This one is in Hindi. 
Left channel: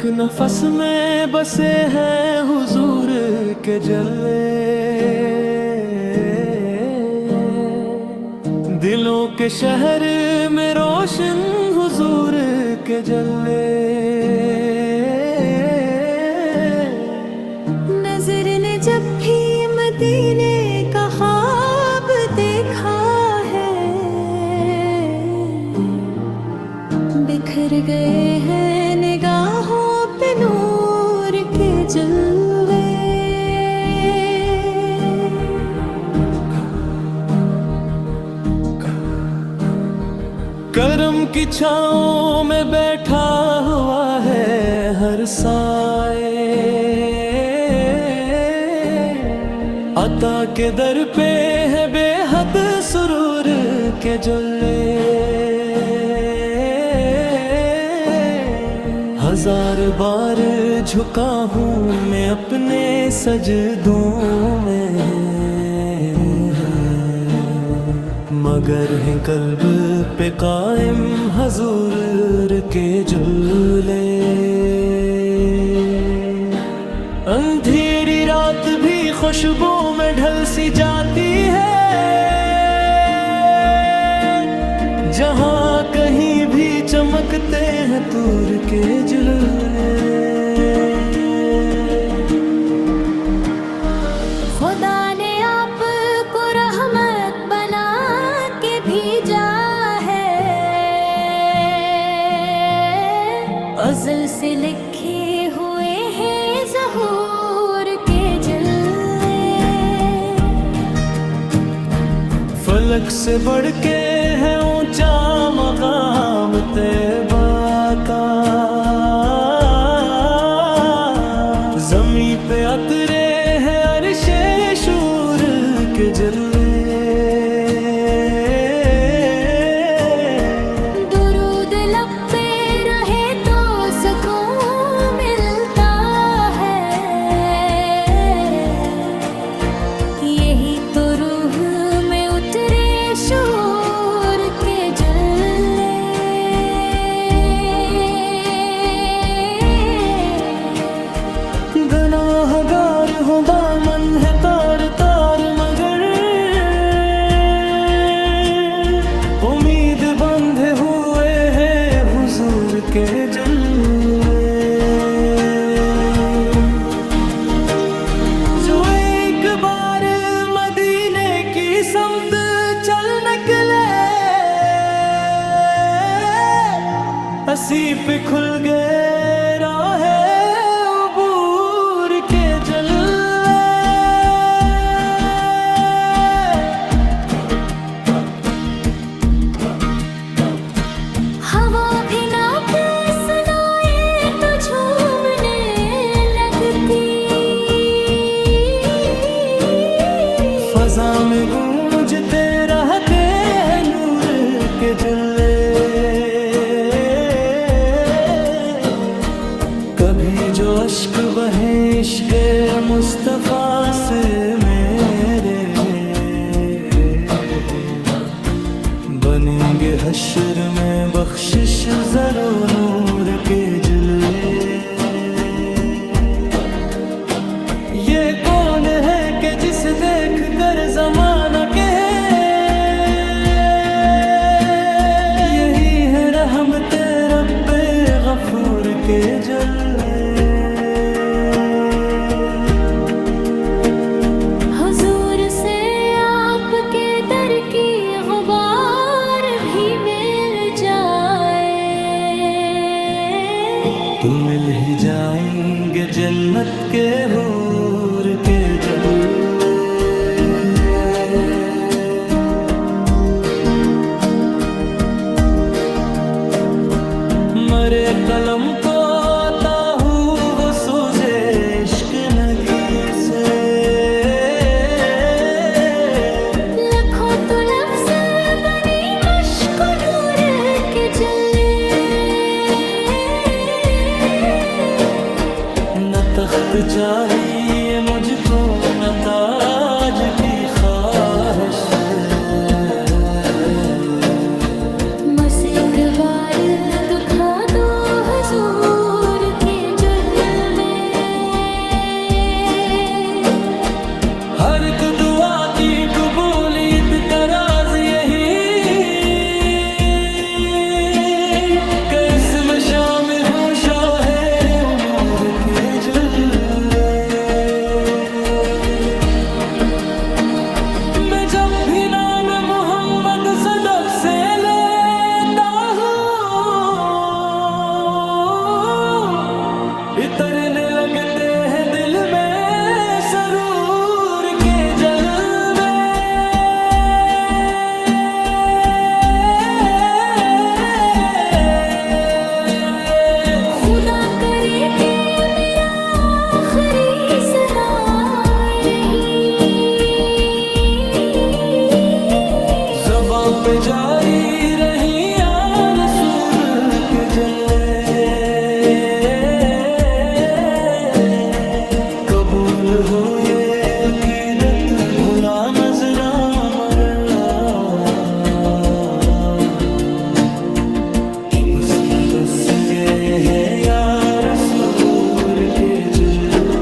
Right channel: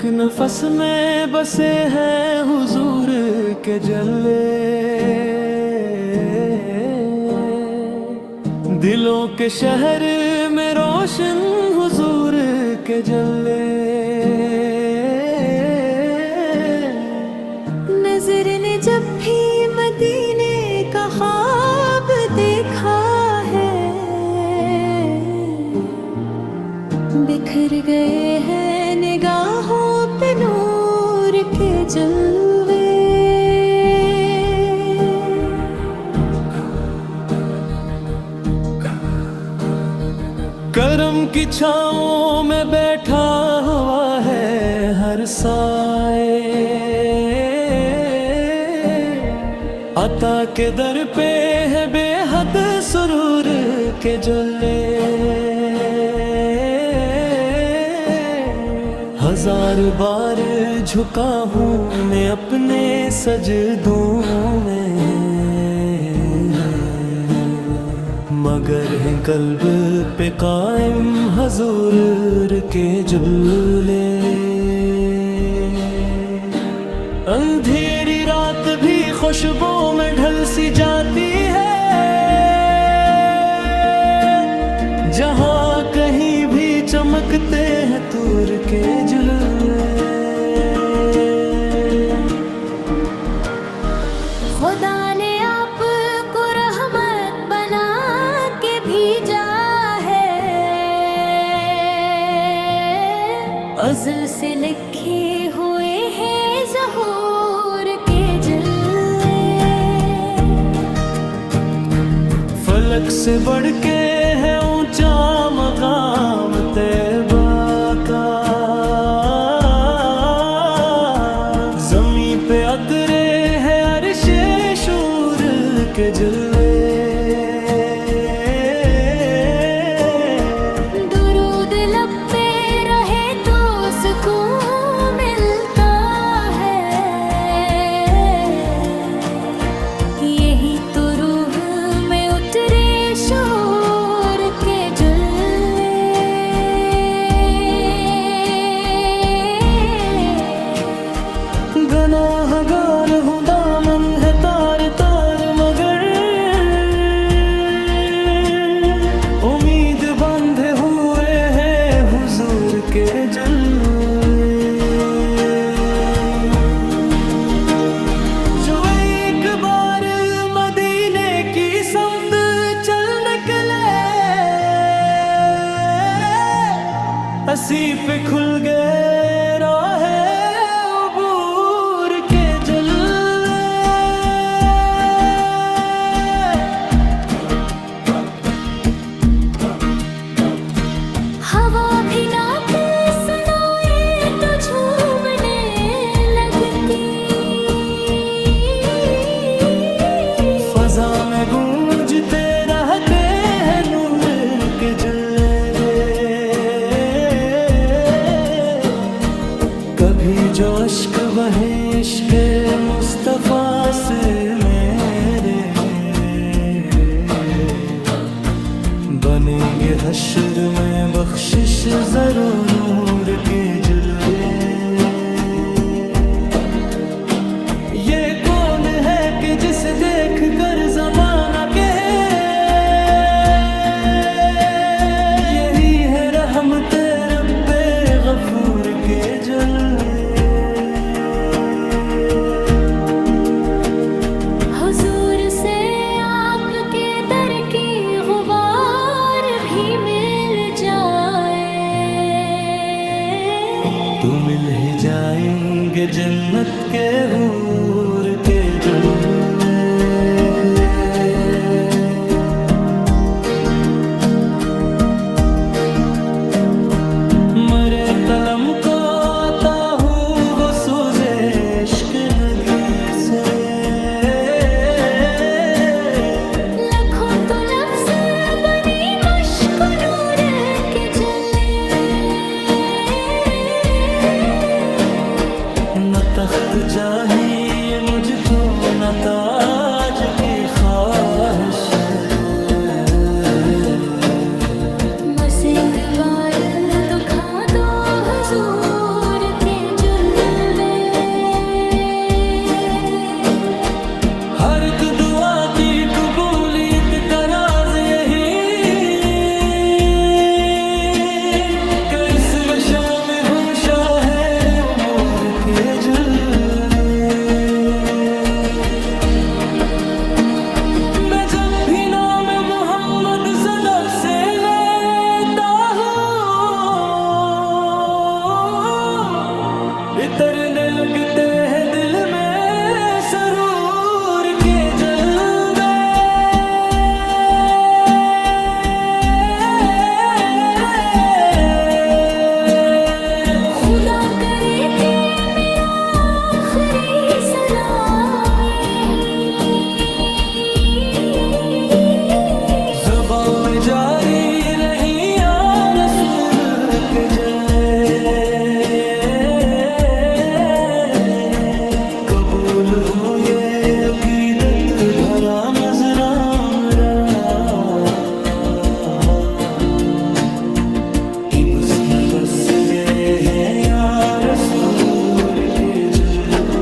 एक नफस में बसे हैं हुजूर के जल्ले, दिलों के शहर में रोशन हुजूर के जल्ले। नजर ने जब भी मदीने का ख्वाब देखा है, बिखर गए हैं निगाहों पे नूर के जलवे। करम की छाँव में बैठा हुआ है हर साए, अता के दर पे है बेहद सुरूर के जुल्ले। हजार बार झुका हूँ मैं अपने सजदों में, मगर है कल्ब पे कायम हुजूर के जुल्ले। अंधेरी रात भी खुशबू में ढल सी जाती है, जहाँ कहीं भी चमकते हैं तूर के जुल्ले। खुदा ने आपको रहमत बना के भेजा है, अज़ल से लिखे हुए हैं ज़हूर के जल्ले। फलक से बढ़ के है ऊंचा मकाम तैबा का, ज़मीं पे अतरे हैं अर्शे शूर के जल्ले। दुरूद लब पे रहे तो सुकून मिलता है, यही तो रूह में उतरे शूर के जल्ले। गनाहगार हूँ दामन है तार तार, मगर उम्मीद बंधे हुए हैं हुजूर के जल्ले। जो एक बार मदीने की समत चल निकले, हंसी पे खुल गए राहे उबूर के जल्ले। हवा भी ना सुनाए तो झूमने लगती, फजा में गूंजते रहते हैं नूर के जल्ले। कभी जो अश्क बहे इश्क़ मुस्तफ़ा से मेरे, बनेंगे हश्र में बख्शिश ज़रो नूर के जुल्ले। ये कौन है कि जिसे देख कर ज़माना कहे, यही है रहमते रब्बे गफूर के जल्ले। हुजूर से आपके दर की गुबार भी मिल जाए, तू मिल ही जाएंगे जन्नत के हूर के जुल्ले। मरे कलम को अता हूँ वो सूज़े इश्क नगी से, लखों तो लफ्ज़ बनी मश्क नूर के जल्ले। न तख्त चाहिए मुझको न ताज की ख्वाहिश, बस एक बार दुखा दो हुजूर के एक दुआ की कबूलियत का राज यही कि इसमें शामिल हूँ शाहे उमूर के जुल्ले। मैं जब भी नाम मोहम्मद सदब से लेता हूँ इतरने लगते हैं दिल में सरूर के जलवे। खुदा करे कि मेरा आखिरी सना यही ज़बां पे जारी रही या रसूल के जल्ले। कबूल हो ये अकीदत भरा नजरा मरा कि मुझमें बस गए हैं या रसूल के जुल्ले।